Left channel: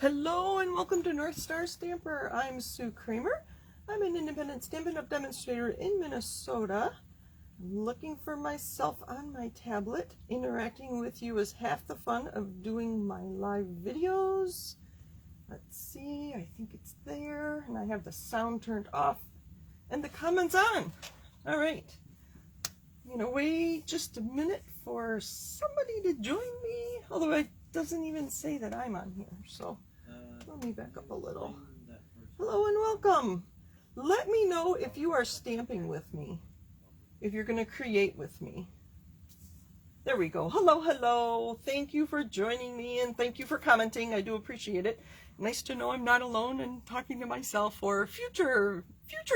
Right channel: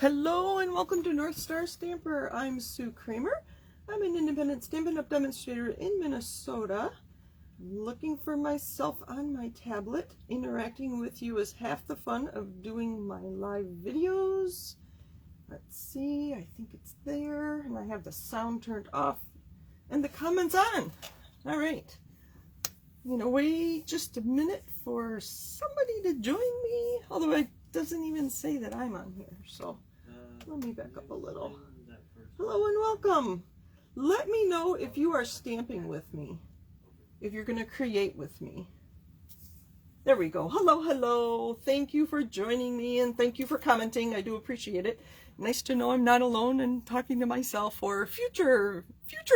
Hello and welcome to North Star Stamper. I'm Sue Kramer. I'm an independent Stampin' Up! Demonstrator in Minnesota. I'm looking for myself on my tablet. Interacting with you is half the fun of doing my live videos. Let's see, I think it's there, and I have the sound turned off and the comments on. All right, I'm gonna wait just a minute for somebody to join me, although it doesn't even say that I'm on here, so let me back up a little. Hello and welcome. Let me know if you are stamping with me, if you're going to create with me. There we go. Hello, hello. Thank you for joining me and thank you for commenting. I do appreciate it. Nice to know I'm not alone and talking to myself or future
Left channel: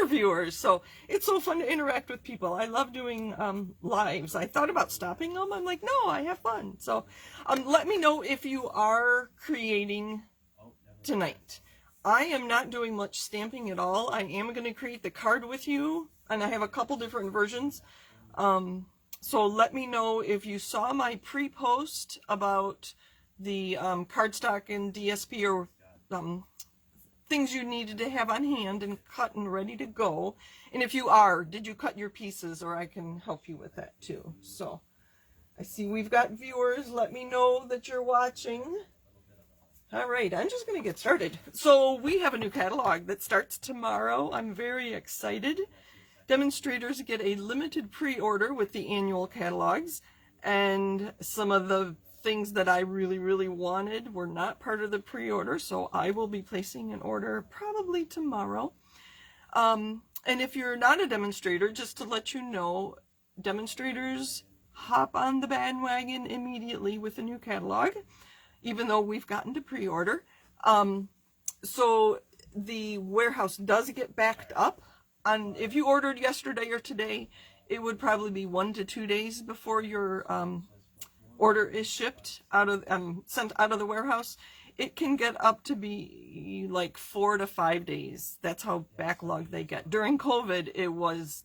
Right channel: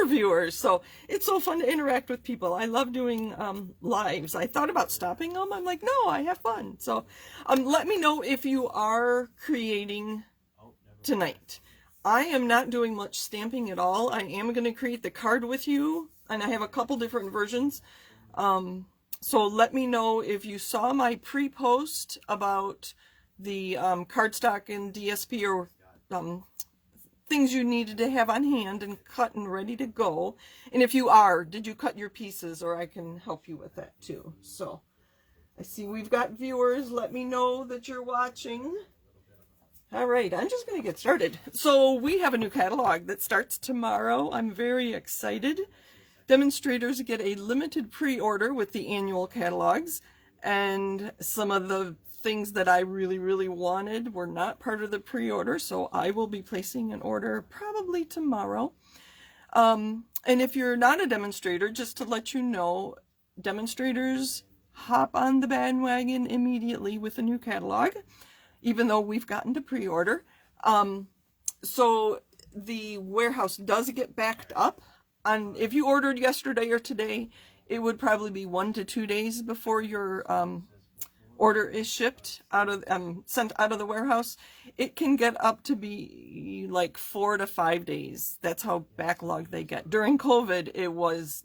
viewers. So it's so fun to interact with people. I love doing lives. I thought about stopping them. I'm like, no, I have fun. So let me know if you are creating tonight. I am not doing much stamping at all. I am going to create the card with you, and I have a couple different versions. So let me know if you saw my pre-post about the cardstock and DSP or things you needed to have on hand and cut and ready to go. And if you are, did you cut your pieces, or I can help you with that too. So I see we've got viewers. Let me know that you're watching. All right, I'm just going to get started. So we have a new catalog that starts tomorrow. I'm very excited. Demonstrators get a limited pre-order with the annual catalogs, and some of the things that I really wanted were not part of the pre-order, so I will be placing an order probably tomorrow. And if you're not a demonstrator, just to let you know, demonstrators hop on the bandwagon immediately with the new catalog, even though we've gotten to pre-order. So the warehouse does get backed up. If you ordered yesterday or today, it would probably be 1 to 2 days before your order is shipped out of sent out of the warehouse. It can get up to be like 4 to 5 days. That's how backlogged they get. During COVID,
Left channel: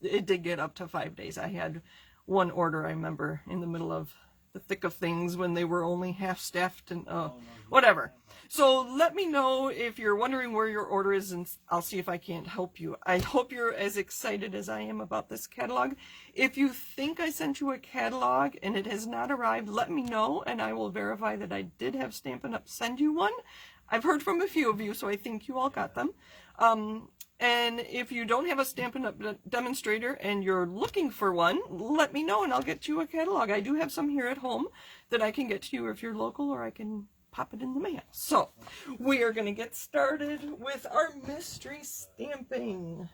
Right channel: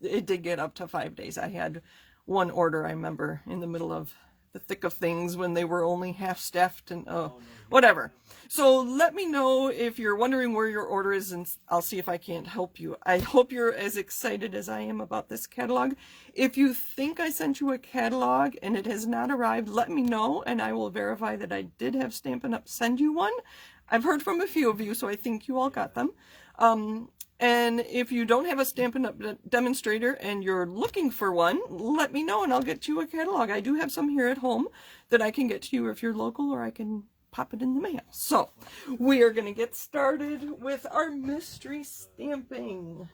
it did get up to 5 days. I had one order, I remember, in the middle of the thick of things when they were only half staffed and whatever. So let me know if you're wondering where your order is, and I'll see if I can't help you. I hope you're as excited as I am about this catalog. If you think I sent you a catalog and it has not arrived, let me know and I will verify that I did have Stampin' Up! Send you one. I've heard from a few of you, so I think you all got them. And if you don't have a Stampin' Up! Demonstrator and you're looking for one, let me know and I'll get you a catalog. I do have some here at home that I can get to you if you're local, or I can pop it in the mail. So we are going to get started with our mystery stamping.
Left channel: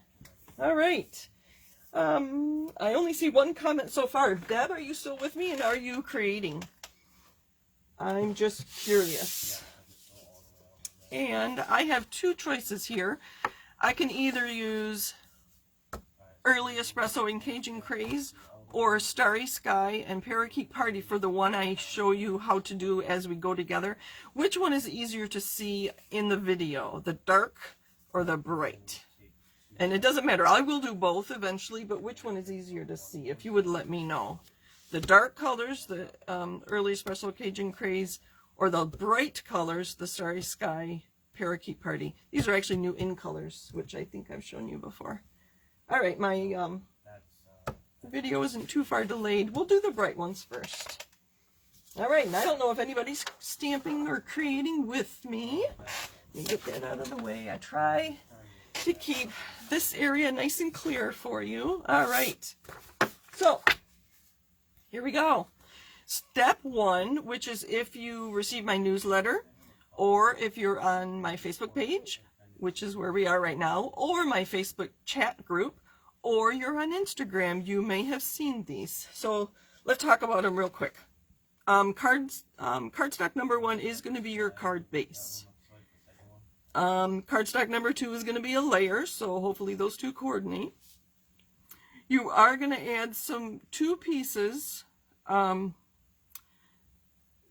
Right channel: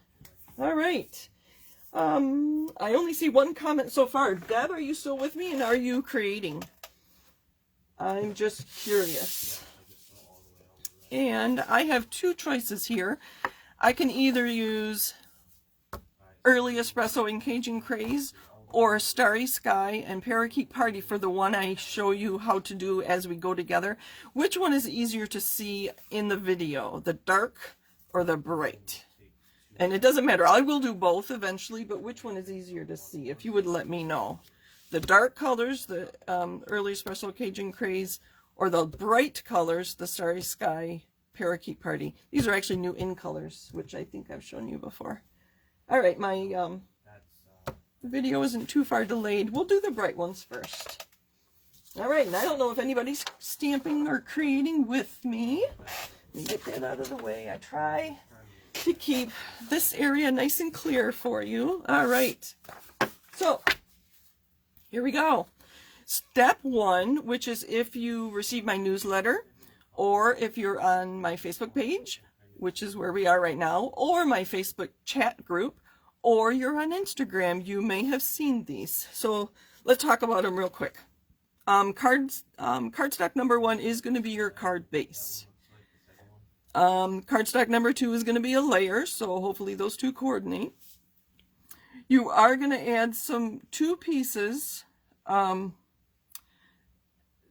All right. I only see one comment so far. Deb, are you still with me, and are you creating? I'm just curious. And I have two choices here. I can either use Early Espresso and Cajun Craze, or Starry Sky and Parakeet Party for the one I show you how to do as we go together. Which one is easier to see in the video, the dark or the bright? And it doesn't matter, I will do both eventually, but which one is easier to see, if you would let me know? The dark colors, the Early Espresso Cajun Craze, or the bright colors, the Starry Sky Parakeet Party. These are actually new in colors, which I think I've shown you before. All right, my video isn't too far delayed. We'll do the bright ones first. All right, and I don't know if anybody's stamping or creating with me. Let me get that out of the way. I try to keep this area nice and clear for you. All right, so here we go. Step one, which is if you receive my newsletter, or if you're on my Facebook page, which is where we are right now, or my Facebook chat group, or you're on Instagram, you may have seen these. So let's talk about them real quick. Cardstock number 1 is going to be your card base. Cardstock number 2 is going to be a layer, so hopefully those two coordinate. You are going to add two pieces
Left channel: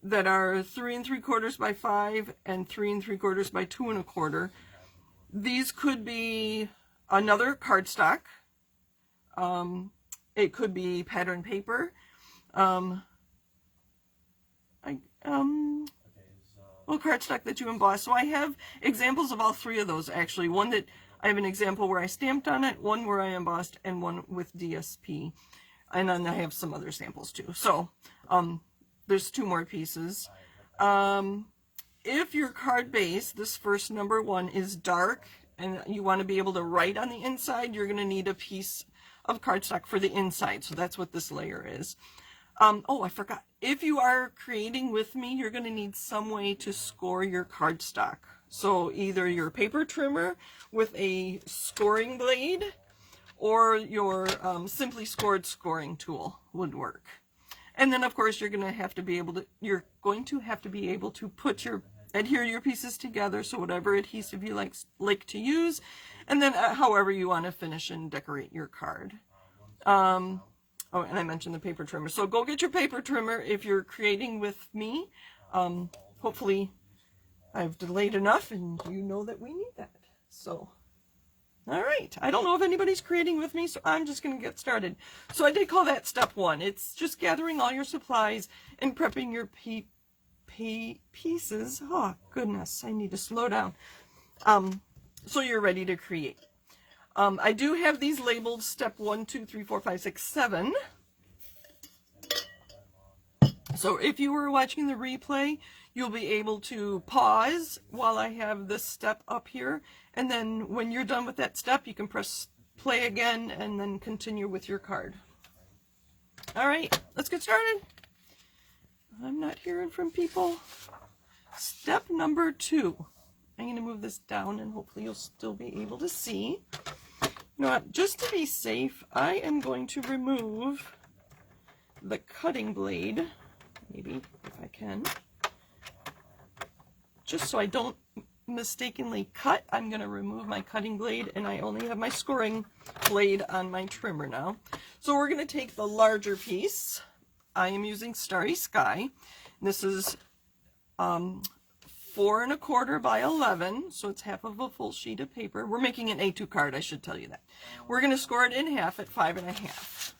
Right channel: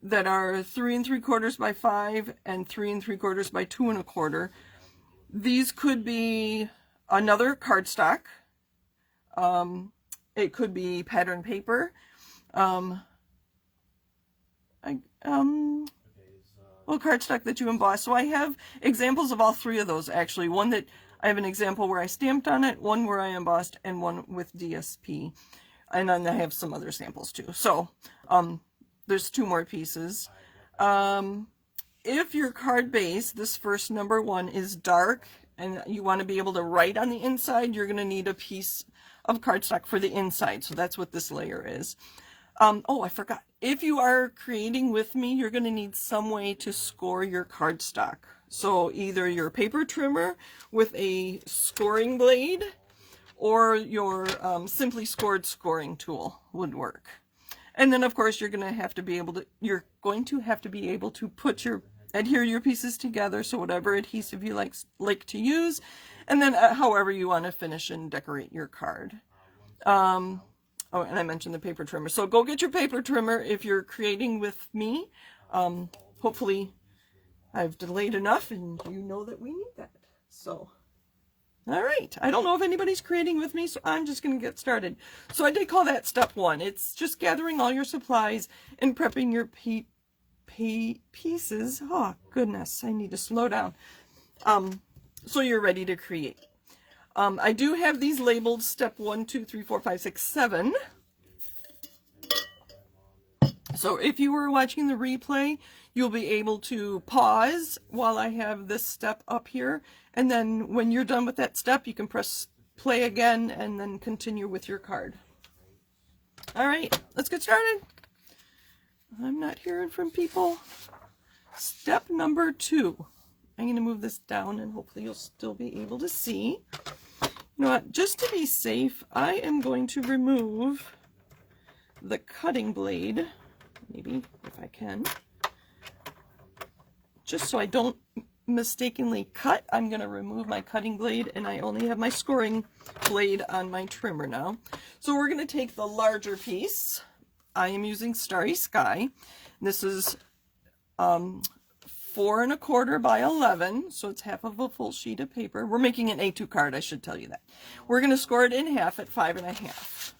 that are 3 3/4 by 5 and 3 3/4 by 2 1/4. These could be another cardstock. It could be pattern paper. cardstock that you emboss. So I have examples of all three of those actually. One that I have an example where I stamped on it, one where I embossed, and one with DSP. And then I have some other samples too. So there's 2 more pieces. If your card base, this first number 1, is dark and you want to be able to write on the inside, you're going to need a piece of cardstock for the inside. So that's what this layer is. Oh, I forgot. If you are creating with me, you're going to need some way to score your cardstock. So either your paper trimmer with a scoring blade or your simply scored scoring tool would work. And then of course you're going to have to be able to put adhere your pieces together, so whatever adhesive you like to use, and then however you want to finish and decorate your card. Oh, and I mentioned the paper trimmer. So go get your paper trimmer if you're creating with me. Hopefully I've delayed enough and you know that we need that. So, all right. I don't know if anybody's creating with me, so I'm just going to get started. So I did call that step 1. It's just gathering all your supplies and prepping your pieces. Oh, goodness. I need to slow down. So you're ready to create. I do have these labeled step 1, 2, 3, 4, 5, 6, 7. So if you were watching the replay, you'll be able to pause while I have this step up here. And then when you're done with that step, you can press play again and then continue with your card. All right, let's get started. I'm not hearing from people. Step number 2. I'm going to move this down and hopefully you'll still be able to see. You know what, just to be safe, I am going to remove the cutting blade, maybe if I can. Just so I don't mistakenly cut, I'm going to remove my cutting blade, and I only have my scoring blade on my trimmer now. So we're going to take the larger piece. I am using Starry Sky. This is 4 1/4 by 11, so it's half of a full sheet of paper. We're making an A2 card, I should tell you that. We're going to score it in half at 5 1/2.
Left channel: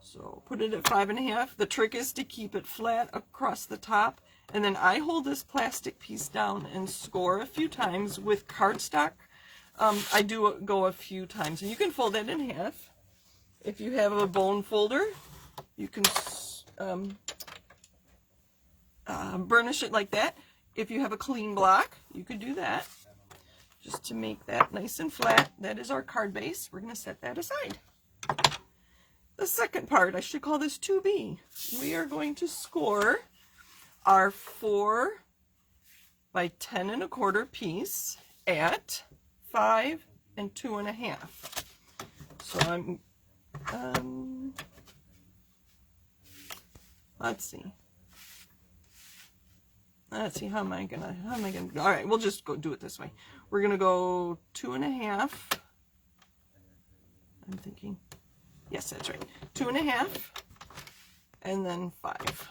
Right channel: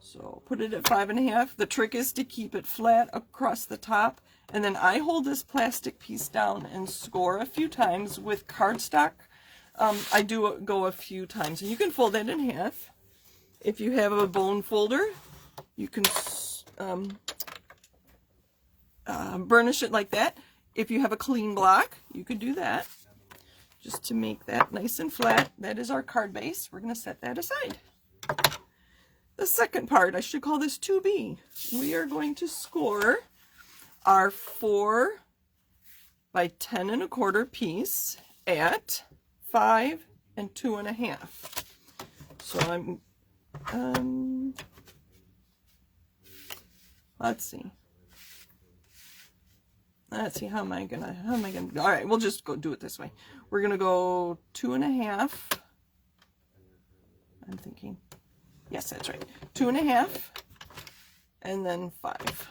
So put it at 5 1/2. The trick is to keep it flat across the top, and then I hold this plastic piece down and score a few times with cardstock. I do go a few times, and you can fold it in half. If you have a bone folder, you can burnish it like that. If you have a clean block, you could do that. Just to make that nice and flat. That is our card base. We're going to set that aside. The second part, I should call this 2B. We are going to score our 4 by 10 1/4 piece at 5 2 1/2. So let's see, how am I gonna, all right, we'll just go do it this way. We're gonna go 2 1/2. I'm thinking, yes, that's right, 2 1/2, and then 5.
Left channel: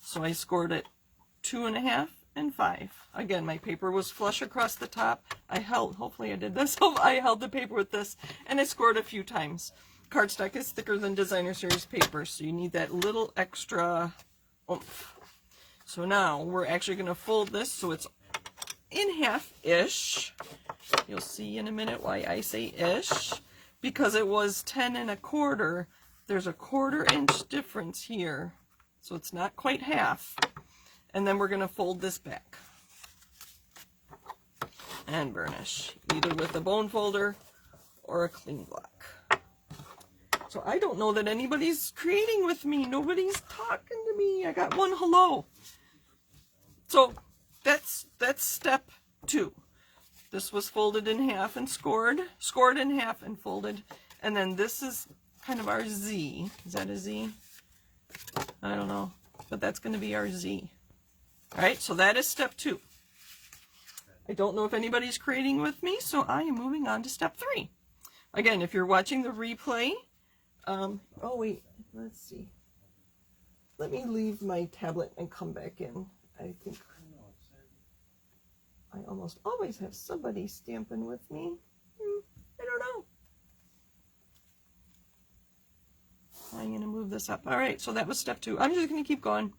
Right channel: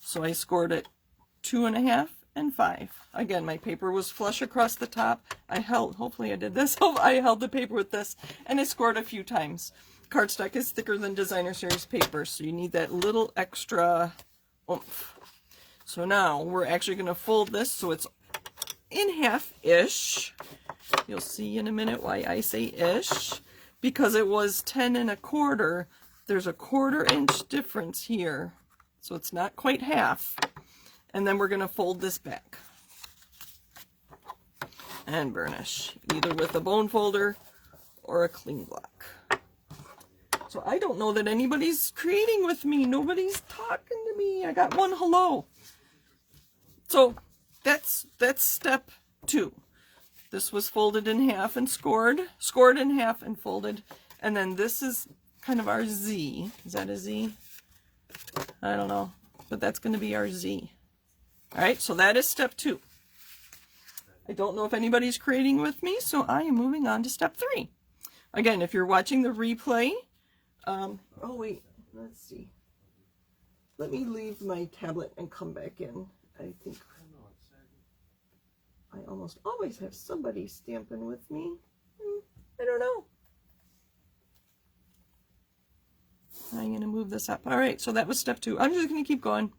So I scored it 2 1/2 and 5. Again, my paper was flush across the top. Hopefully I did this. I held the paper with this, and I scored a few times. Cardstock is thicker than designer series paper, so you need that little extra oomph. So now we're actually going to fold this so it's in half-ish. You'll see in a minute why I say ish. Because it was 10 1/4, there's a 1/4 inch difference here. So it's not quite half. And then we're going to fold this back and burnish, either with a bone folder or a clean block. So I don't know that anybody's creating with me. Nobody's talking to me. I got one hello. So that's step 2. This was folded in half and scored in half and folded. And then this is kind of our Z. Is that a Z? I don't know, but that's going to be our Z. All right, so that is step 2. I don't know if anybody's creating with me, so I am moving on to step 3. Again, if you're watching the replay, oh wait, let's see. Let me leave my tablet and come back in. I think I almost always have somebody stamping with me. I don't know. I'm going to move this up. All right, so that was step 2. I'm just going to keep going.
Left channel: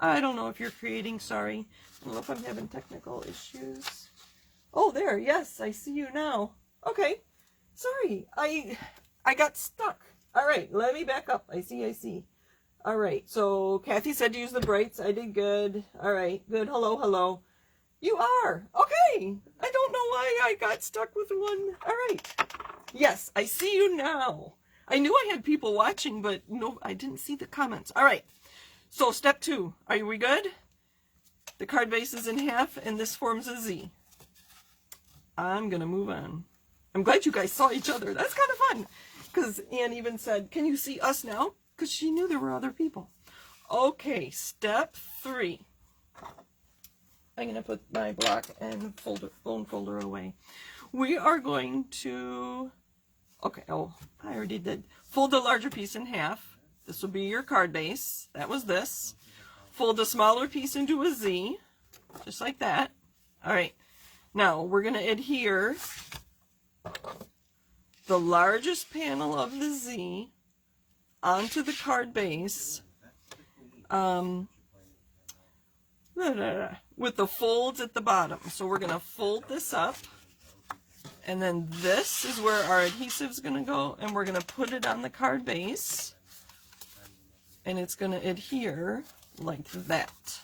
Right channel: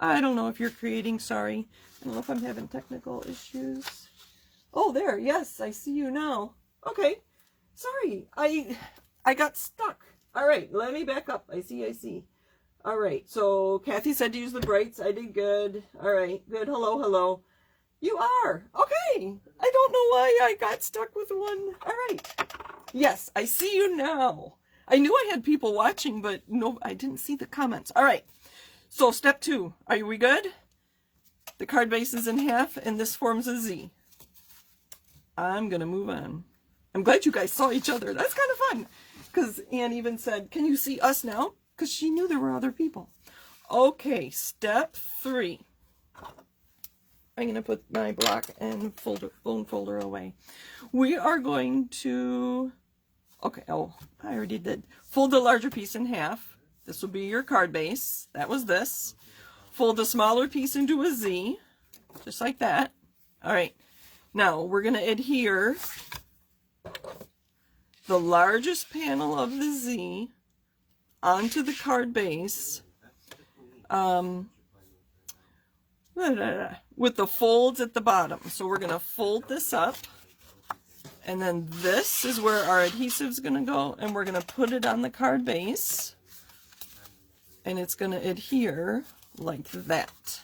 I don't know if you're creating, sorry. I don't know if I'm having technical issues. Oh, there, yes, I see you now. Okay, sorry, I got stuck. All right, let me back up. I see. All right, so Kathy said to use the brights. I did good. All right, good. Hello. You are. Okay. I don't know why I got stuck with one. All right. Yes, I see you now. I knew I had people watching, but no, I didn't see the comments. All right. So step 2. Are we good? The card base is in half, and this forms a Z. I'm going to move on. I'm glad you guys saw each other. That's kind of fun. Because Anne even said, can you see us now? Because she knew there were other people. Okay, step 3. I'm going to put my block and bone folder away. We are going to, okay, oh, I already did. Fold the larger piece in half. This will be your card base. That was this. Fold the smaller piece into a Z, just like that. All right, now we're going to adhere the largest panel of the Z onto the card base with the folds at the bottom. So we're going to fold this up, and then this is where our adhesive is going to go, and we're going to put it on the card base, and it's going to adhere like that.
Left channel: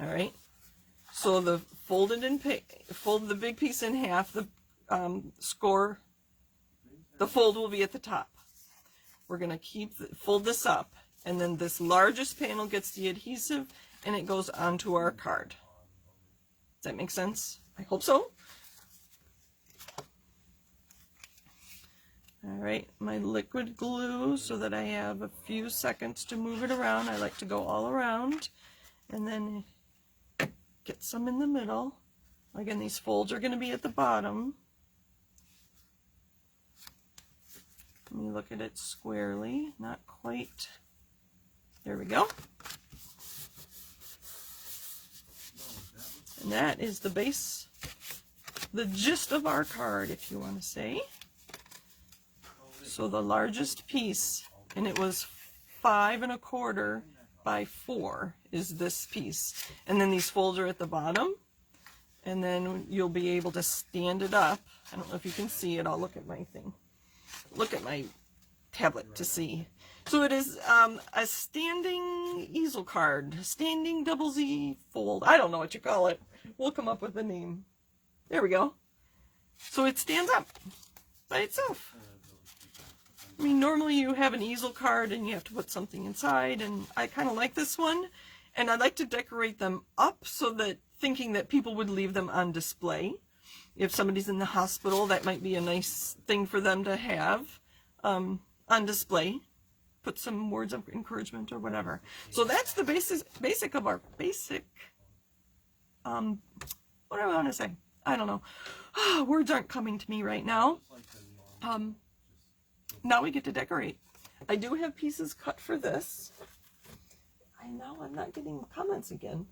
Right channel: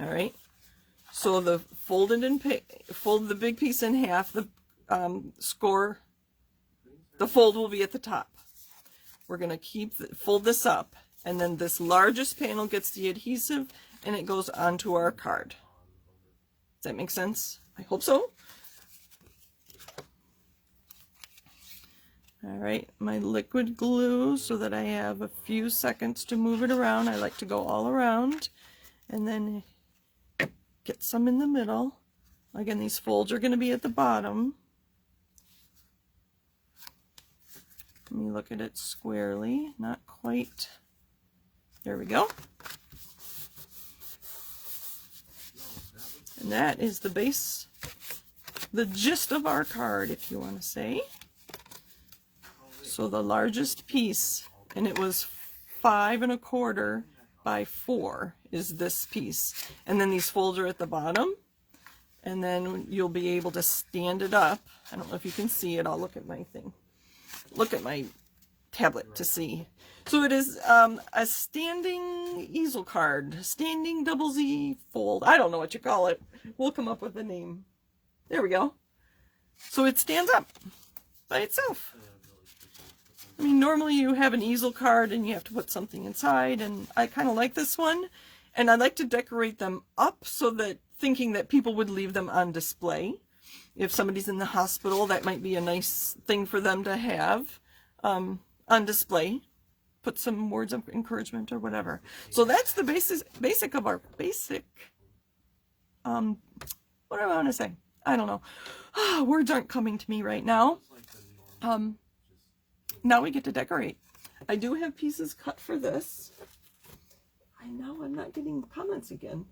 All right. So the fold the big piece in half. The fold will be at the top. We're going to fold this up, and then this largest panel gets the adhesive, and it goes onto our card. Does that make sense? I hope so. All right, my liquid glue so that I have a few seconds to move it around. I like to go all around and then get some in the middle. Again, these folds are going to be at the bottom. Let me look at it squarely. Not quite. There we go. And that is the base, the gist of our card, if you want to say. So the largest piece, and it was 5 1/4 by 4, is this piece. And then these folds are at the bottom, and then you'll be able to stand it up. I don't know if you can see it. I'll look at my thing. Look at my tablet to see. So it is a standing easel card, standing double Z fold. I don't know what you call it. We'll come up with a name. There we go. So it stands up by itself. I mean, normally you have an easel card and you have to put something inside, and I kind of like this one. And I like to decorate them up so that, thinking that people would leave them on display. If somebody's in the hospital, that might be a nice thing for them to have on display. Put some words of encouragement or whatever. So that's the basic of our basic, what do I want to say? I don't know. Words aren't coming to me right now. Now we get to decorate. I do have pieces cut for this. I know I'm not getting comments again.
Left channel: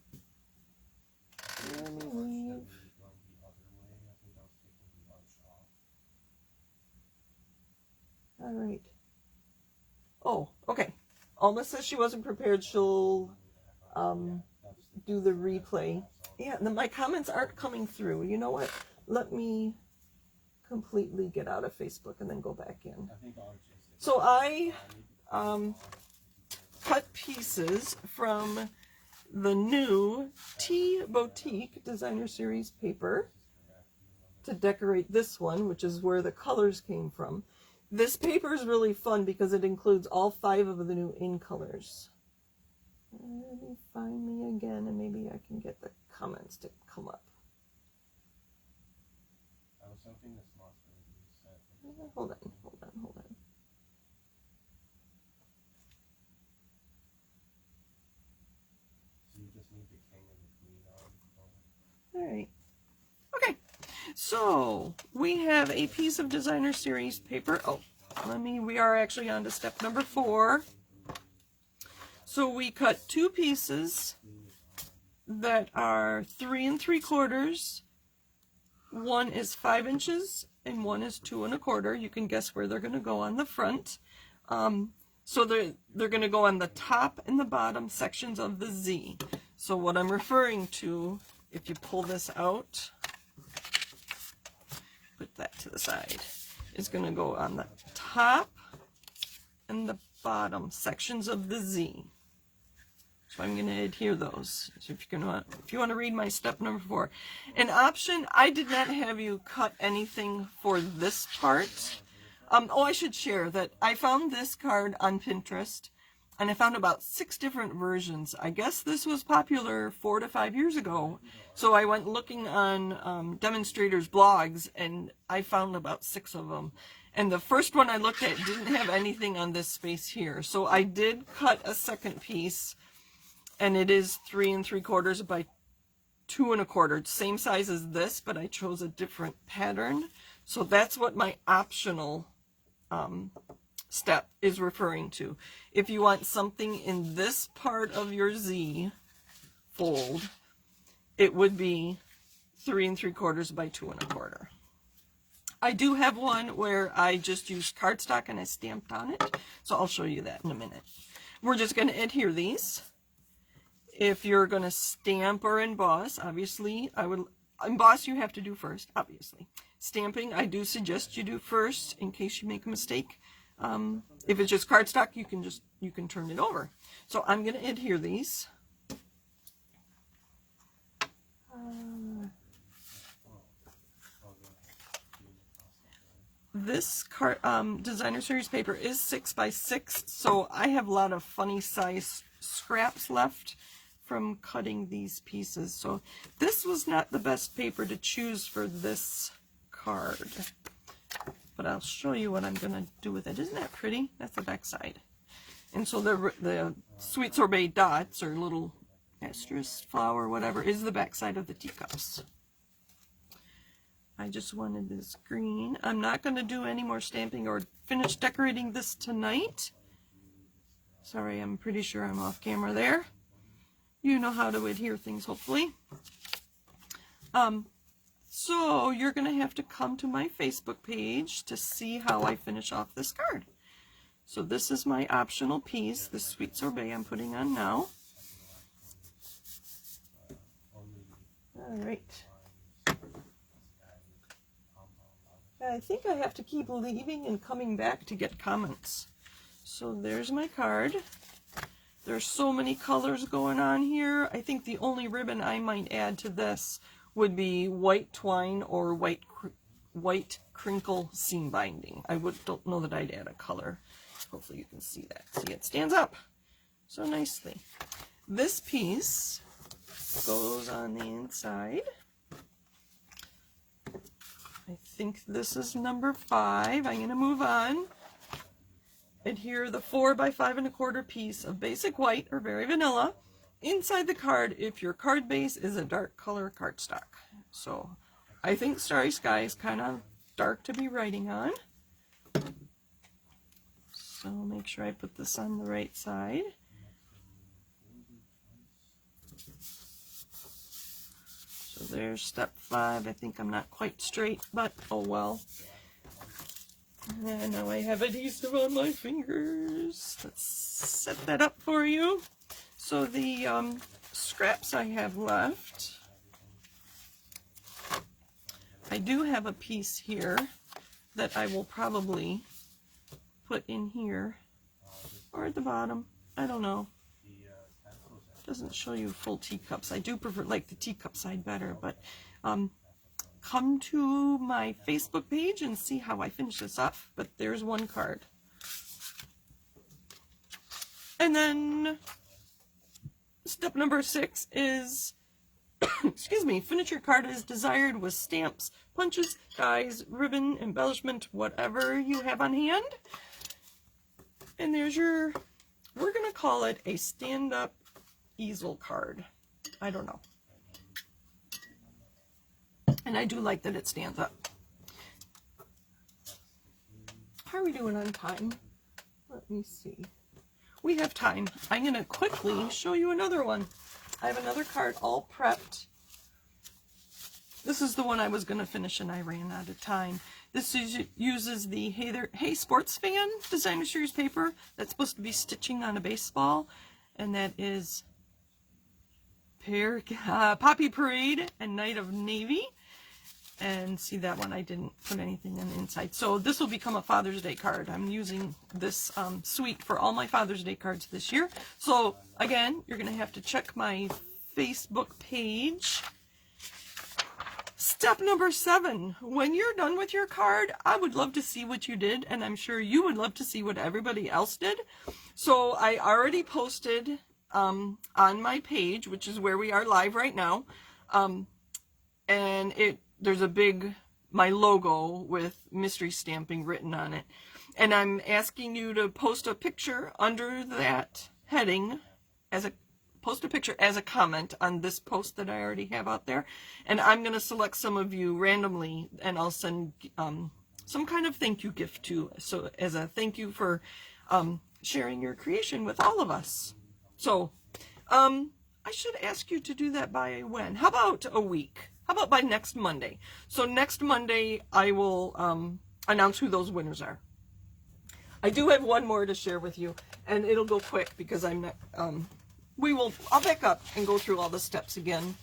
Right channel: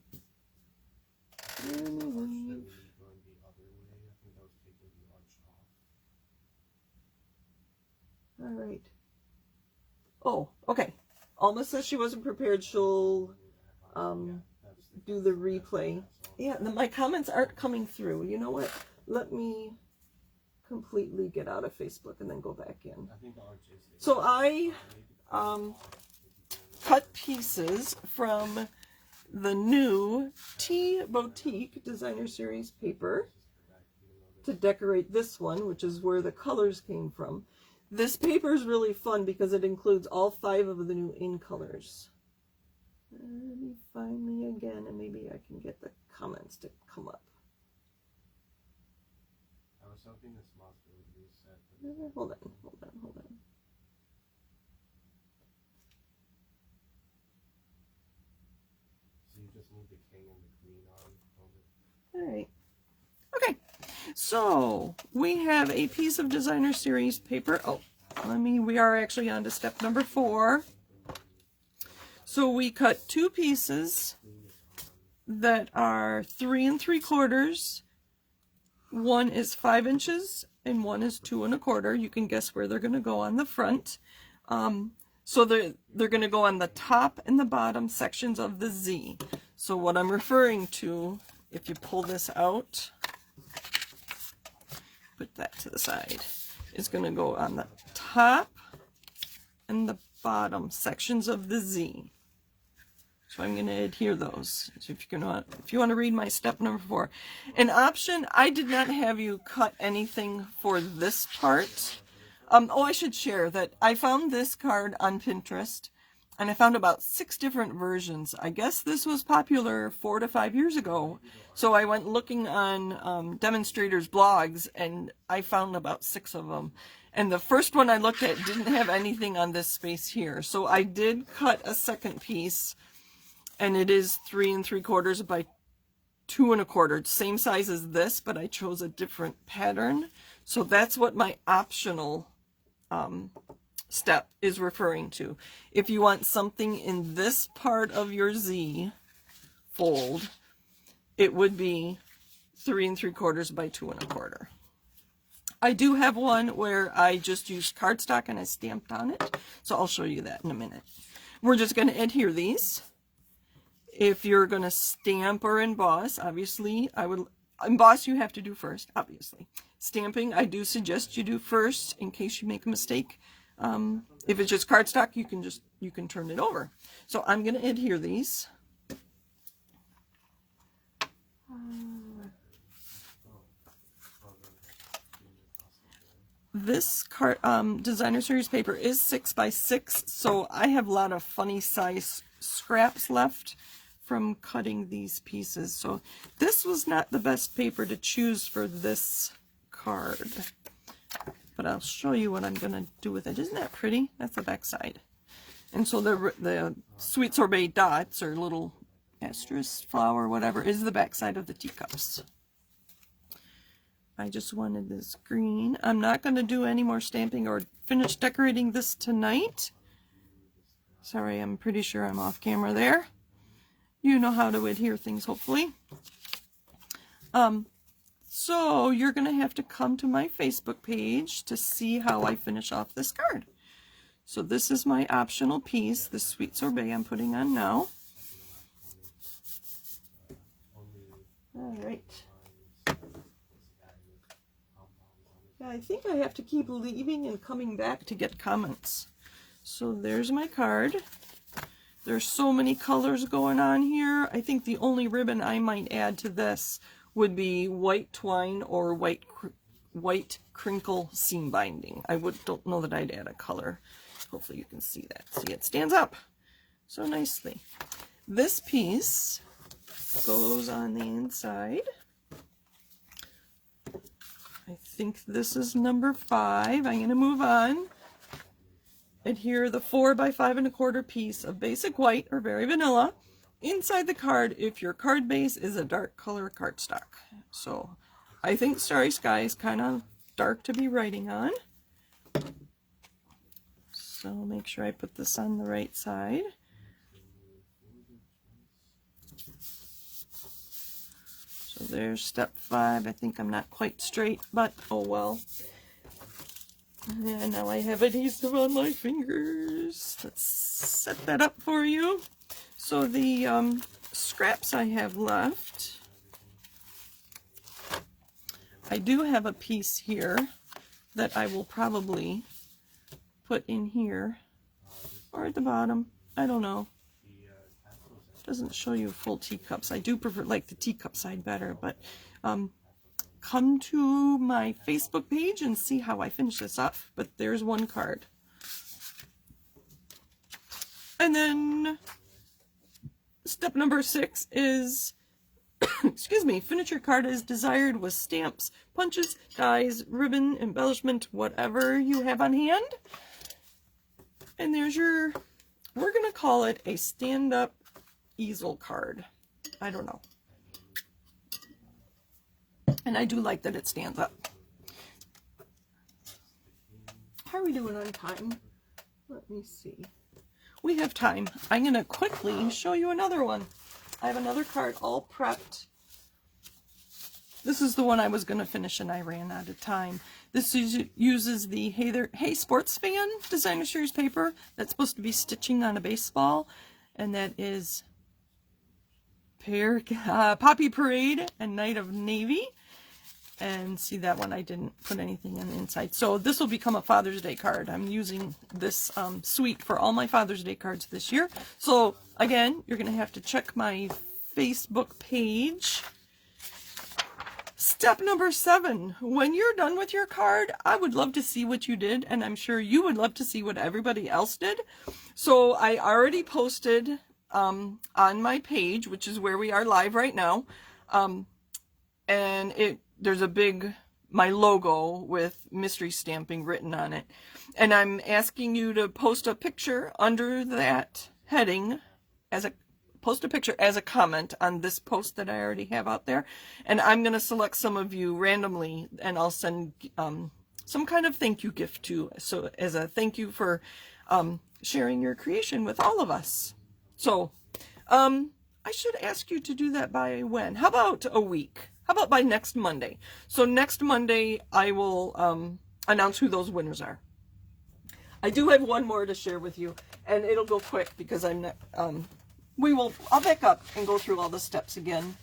All right. Oh, okay. Alma says she wasn't prepared. She'll do the replay. Yeah, my comments aren't coming through. You know what? Let me completely get out of Facebook and then go back in. So I cut pieces from the new Tea Boutique Designer Series paper to decorate this one, which is where the colors came from. This paper is really fun because it includes all 5 of the new in colors. Let me find me again, and maybe I can get the comments to come up. I was hoping this moss would reset. Hold on. So you just need the king and the queen on over. All right. Okay. So we have a piece of Designer Series paper. Oh, we are actually on to step number 4. So we cut 2 pieces that are 3 3/4. One is 5 inches and one is 2 1/4. You can guess where they're going to go on the front. So they're going to go on the top and the bottom sections of the Z. So what I'm referring to, if you pull this out, put that to the side, is going to go on the top and the bottom sections of the Z. So I'm going to adhere those. So if you want to read my step number 4. An option, I did not have you cut anything for this part. Oh, I should share that I found this card on Pinterest, and I found about 6 different versions. I guess this was popular 4 to 5 years ago. So I went looking on demonstrators' blogs, and I found about 6 of them. And the first one I looked at didn't have anything on this space here. So I did cut a second piece, and it is 3 3/4 by 2 1/4. Same size as this, but I chose a different pattern. So that's what my optional step is referring to. If you want something in this part of your Z fold, it would be 3 3/4 by 2 1/4. I do have one where I just used cardstock and I stamped on it, so I'll show you that in a minute. We're just going to adhere these. If you're going to stamp or emboss, obviously, emboss you have to do first, obviously. Stamping, I do suggest you do first in case you make a mistake. If it's just cardstock, you can turn it over. So I'm going to adhere these. This designer series paper is 6 by 6, so I have a lot of funny size scraps left from cutting these pieces. So this was not the best paper to choose for this card, but I'll show you what I'm going to do with it. Isn't that pretty? That's the back side. And so the sweet sorbet dots, or little asterisk flower, whatever, is the back side of the teacups. I just wanted this green. I'm not going to do any more stamping or finish decorating this tonight. Sorry, I'm pretty sure I'm off camera there. You know how to adhere things, hopefully. So you're going to have to come to my Facebook page to see how I finish off this card. So this is my optional piece, the sweet sorbet I'm putting on now. All right. I think I have to keep leaving and coming back to get comments. So there's my card. There's so many colors going on here. I think the only ribbon I might add to this would be white twine or white crinkle seam binding. I don't know that I'd add a color. Hopefully you can see that. See, it stands up so nicely. This piece goes on the inside. I think this is number 5. I'm going to move on. Adhere the 4 by 5 1/4 piece of basic white or very vanilla inside the card if your card base is a dark color cardstock. So I think Starry Sky is kind of dark to be writing on. So make sure I put this on the right side. So there's step 5. I think I'm not quite straight, but oh well. And now I have adhesive on my fingers. Let's set that up for you. So the scraps I have left, I do have a piece here that I will probably put in here or at the bottom. I don't know. It doesn't show you full teacups. I do prefer like the teacup side better, but come to my Facebook page and see how I finish this off. But there's one card. And then step number 6 is, excuse me, finish your card as desired with stamps, punches, dies, ribbon, embellishment, whatever you have on hand. And there's your, we're going to call it a stand-up easel card. I don't know. And I do like that it stands up. How are we doing on time? Let me see. We have time. I'm going to quickly show you another one. I have another card all prepped. This is the one I was going to finish and I ran out of time. This uses the Hey Sports Fan Designer Series paper that's supposed to be stitching on a baseball, and that is Poppy Parade and Night of Navy. And see, that one I didn't put anything on the inside. So this will become a Father's Day card. I'm using this suite for all my Father's Day cards this year. So again, you're going to have to check my Facebook page. Step number 7. When you're done with your card, I would love to see what you did, and I'm sure you would love to see what everybody else did. So I already posted on my page, which is where we are live right now, and there's a big, my logo with mystery stamping written on it. And I'm asking you to post a picture under that heading, post a picture as a comment on this post that I already have out there. And I'm going to select some of you randomly, and I'll send some kind of thank you gift to, so as a thank you for sharing your creation with all of us. So I should ask you to do that by when? How about a week? How about by next Monday? So next Monday, I will announce who those winners are. I do have one more to share with you, and it'll go quick because I'm not, I'll back up and go through all the steps again.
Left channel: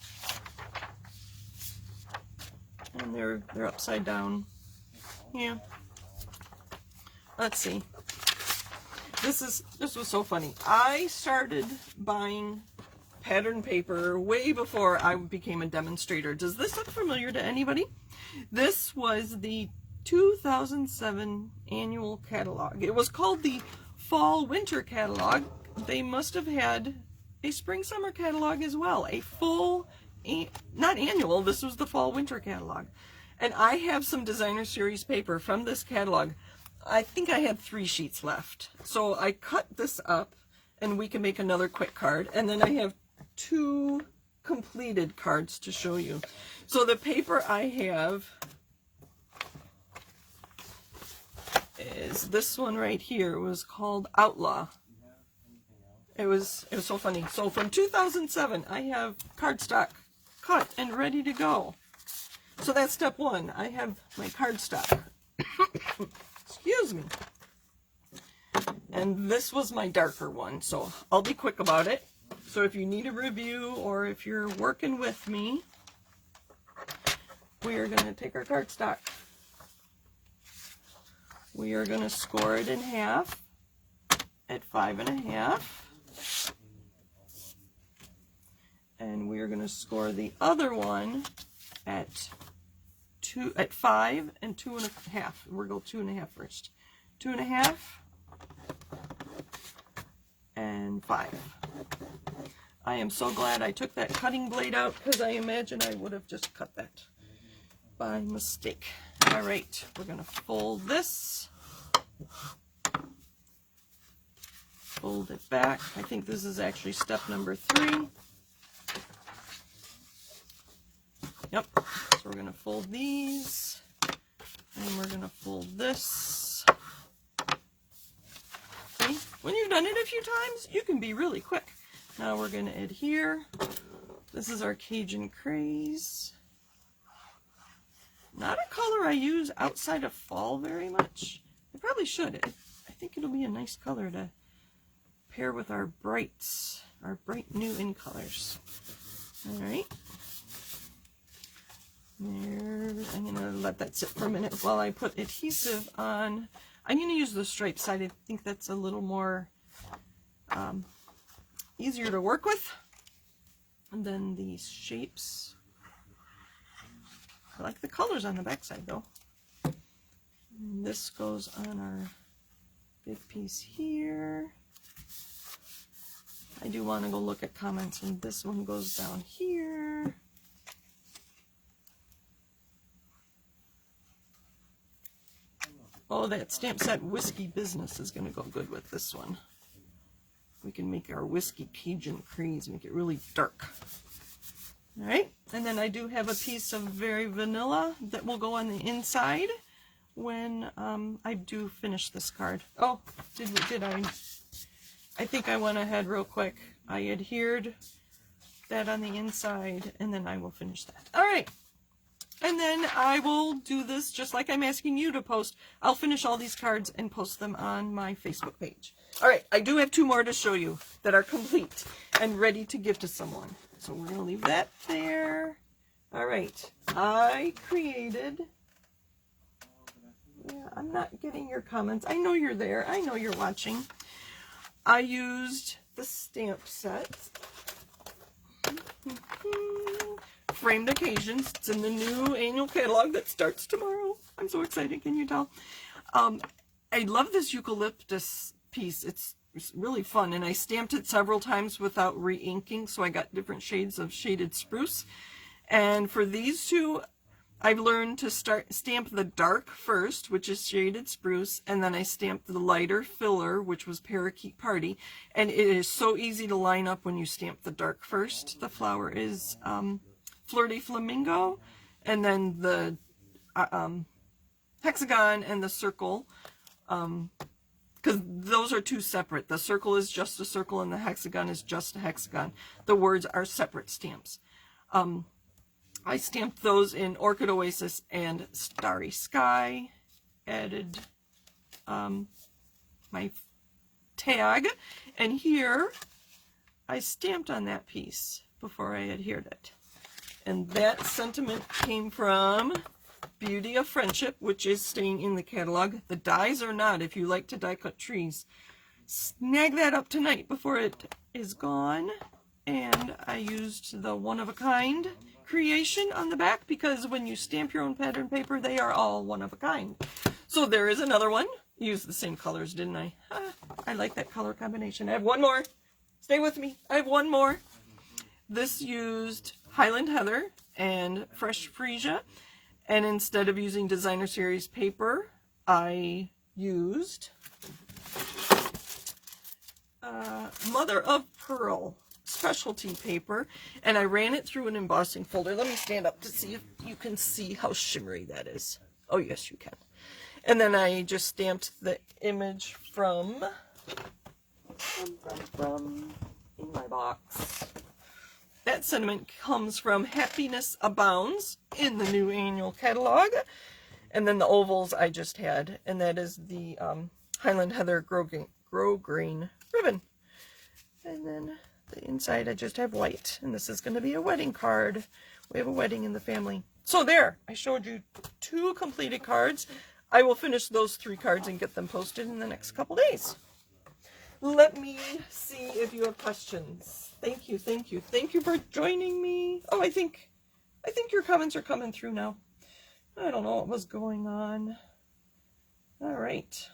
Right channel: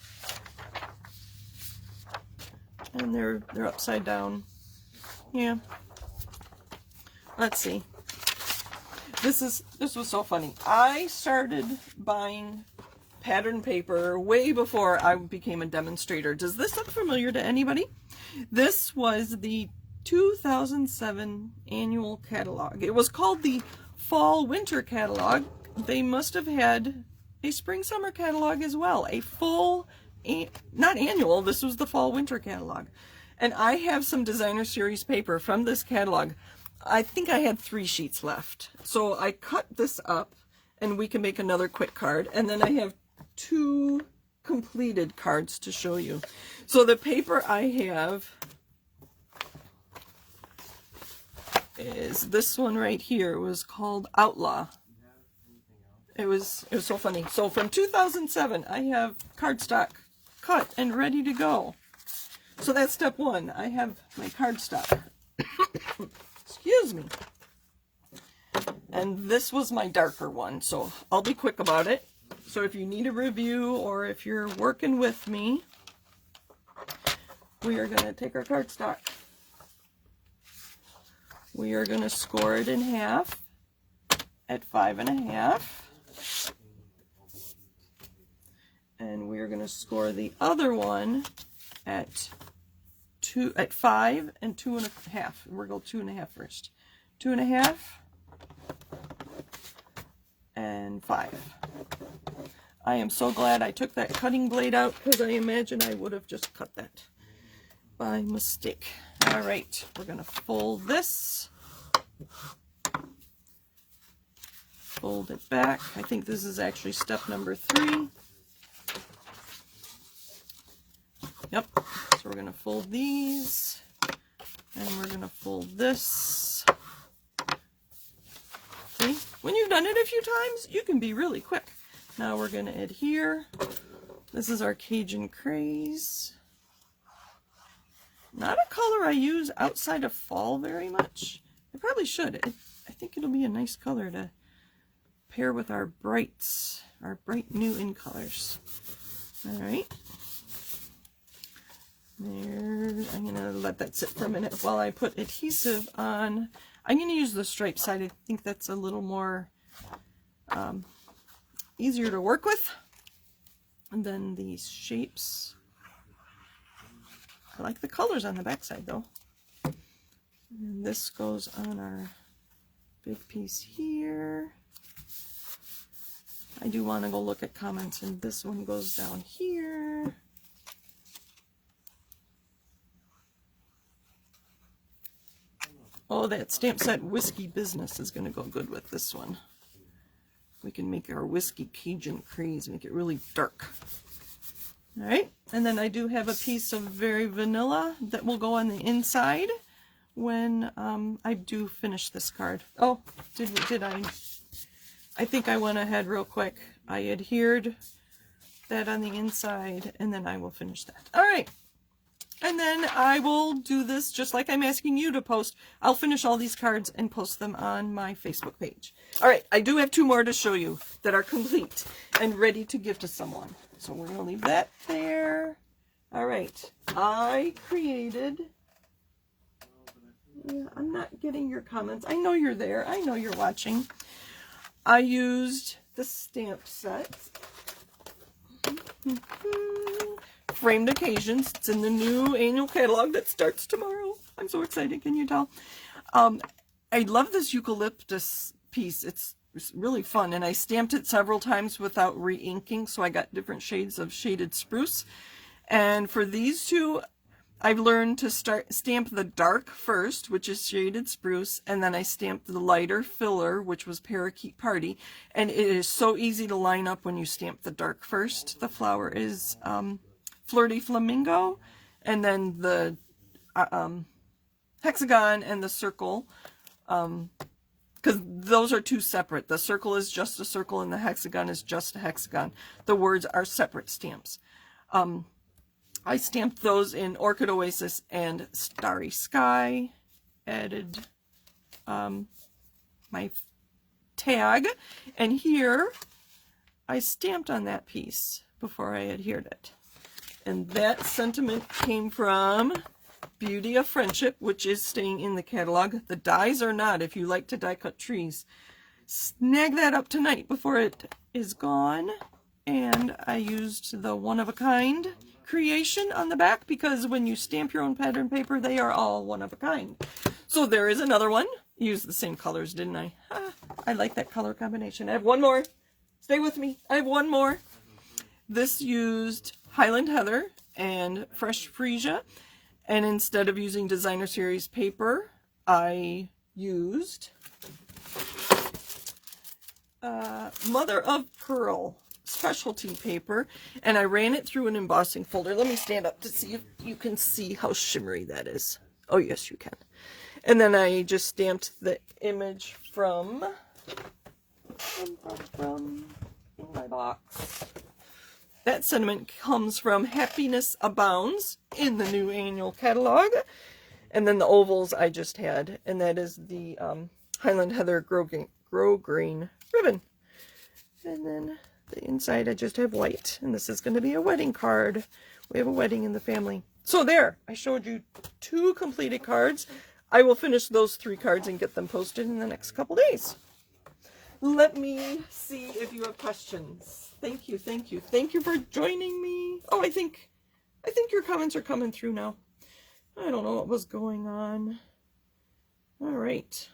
And they're upside down. Yeah. Let's see. This was so funny. I started buying pattern paper way before I became a demonstrator. Does this look familiar to anybody? This was the 2007 annual catalog. It was called the Fall Winter Catalog. They must have had a Spring Summer catalog as well. A full, not annual, this was the Fall Winter Catalog. And I have some designer series paper from this catalog. I think I had 3 sheets left. So I cut this up, and we can make another quick card. And then I have 2 completed cards to show you. So the paper I have is this one right here. It was called Outlaw. It was so funny. So from 2007, I have cardstock cut and ready to go. So that's step 1. I have my cardstock. Excuse me. And this was my darker one, so I'll be quick about it. So if you need a review, or if you're working with me, we are going to take our cardstock. We are going to score it in half at 5.5. And we are going to score the other one at 5 and 2.5. We're going to go 2.5 first. 2.5 and 5. I am so glad I took that cutting blade out, because I imagine I would have just cut that by mistake. All right, we're going to fold this. Fold it back. I think this is actually step number 3. Yep, so we're going to fold these, and we're going to fold this. See, when you've done it a few times, you can be really quick. Now we're going to adhere. This is our Cajun Craze. Not a color I use outside of fall very much. I probably should. I think it'll be a nice color to pair with our bright new in colors. All right. There. I'm going to let that sit for a minute while I put adhesive on. I'm going to use the striped side. I think that's a little more easier to work with. And then these shapes. I like the colors on the back side though. And this goes on our big piece here. I do want to go look at comments, and this one goes down here. Oh, that stamp set Whiskey Business is going to go good with this one. We can make our Whiskey Cajun Craze, make it really dark. All right, and then I do have a piece of very vanilla that will go on the inside when I do finish this card. Oh, did I? I think I went ahead real quick. I adhered that on the inside, and then I will finish that. All right, And then I will do this just like I'm asking you to post. I'll finish all these cards and post them on my Facebook page. All right, I do have 2 more to show you that are complete and ready to give to someone. So we're going to leave that there. All right, I created... Yeah, I'm not getting your comments. I know you're there. I know you're watching. I used the stamp set. Framed Occasions. It's in the new annual catalog that starts tomorrow. I'm so excited. Can you tell? I love this eucalyptus piece. It's really fun. And I stamped it several times without re-inking. So I got different shades of shaded spruce. And for these 2, I've learned to stamp the dark first, which is shaded spruce, and then I stamped the lighter filler, which was Parakeet Party. And it is so easy to line up when you stamp the dark first. The flower is Flirty Flamingo, and then the hexagon and the circle, because those are 2 separate. The circle is just a circle, and the hexagon is just a hexagon. The words are separate stamps. I stamped those in Orchid Oasis and Starry Sky. Added my tag. And here, I stamped on that piece before I adhered it. And that sentiment came from Beauty of Friendship, which is staying in the catalog. The dies are not, if you like to die cut trees. Snag that up tonight before it is gone. And I used the one-of-a-kind creation on the back, because when you stamp your own pattern paper, they are all one of a kind. So there is another one. Used the same colors, didn't I? I like that color combination. I have 1 more. Stay with me. I have 1 more. This used Highland Heather and Fresh Freesia, and instead of using Designer Series paper, I used Mother of Pearl specialty paper, and I ran it through an embossing folder. Let me stand up to see if you can see how shimmery that is. Oh yes, you can. And then I just stamped the image from in my box. That sentiment comes from Happiness Abounds in the new annual catalog. And then the ovals I just had, and that is the Highland Heather Grow Green ribbon. And then the inside I just have white, and this is going to be a wedding card. We have a wedding in the family. So there, I showed you 2 completed cards. I will finish those 3 cards and get them posted in the next couple days. Let me see if you have questions. Thank you, thank you. Thank you for joining me. Oh, I think your comments are coming through now. I don't know what was going on. All right.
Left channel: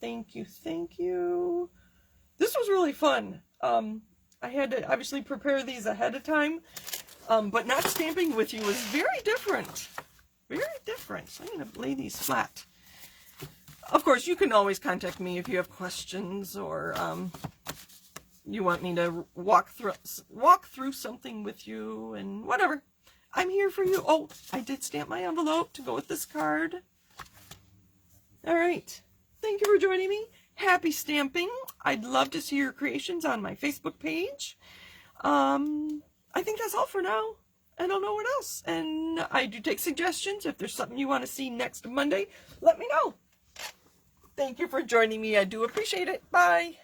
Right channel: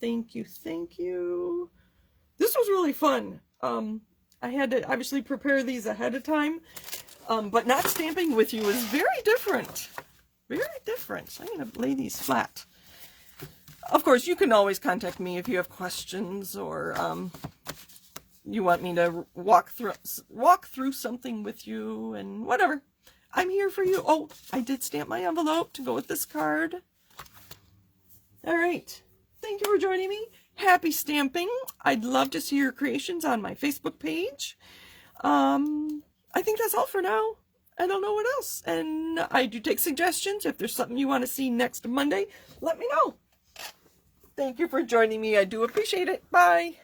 Thank you, thank you. This was really fun. I had to obviously prepare these ahead of time, but not stamping with you is very different. Very different. So I'm going to lay these flat. Of course, you can always contact me if you have questions, or you want me to walk through something with you, and whatever. I'm here for you. Oh, I did stamp my envelope to go with this card. All right. Thank you for joining me. Happy stamping. I'd love to see your creations on my Facebook page. I think that's all for now. I don't know what else. And I do take suggestions. If there's something you want to see next Monday, let me know. Thank you for joining me. I do appreciate it. Bye.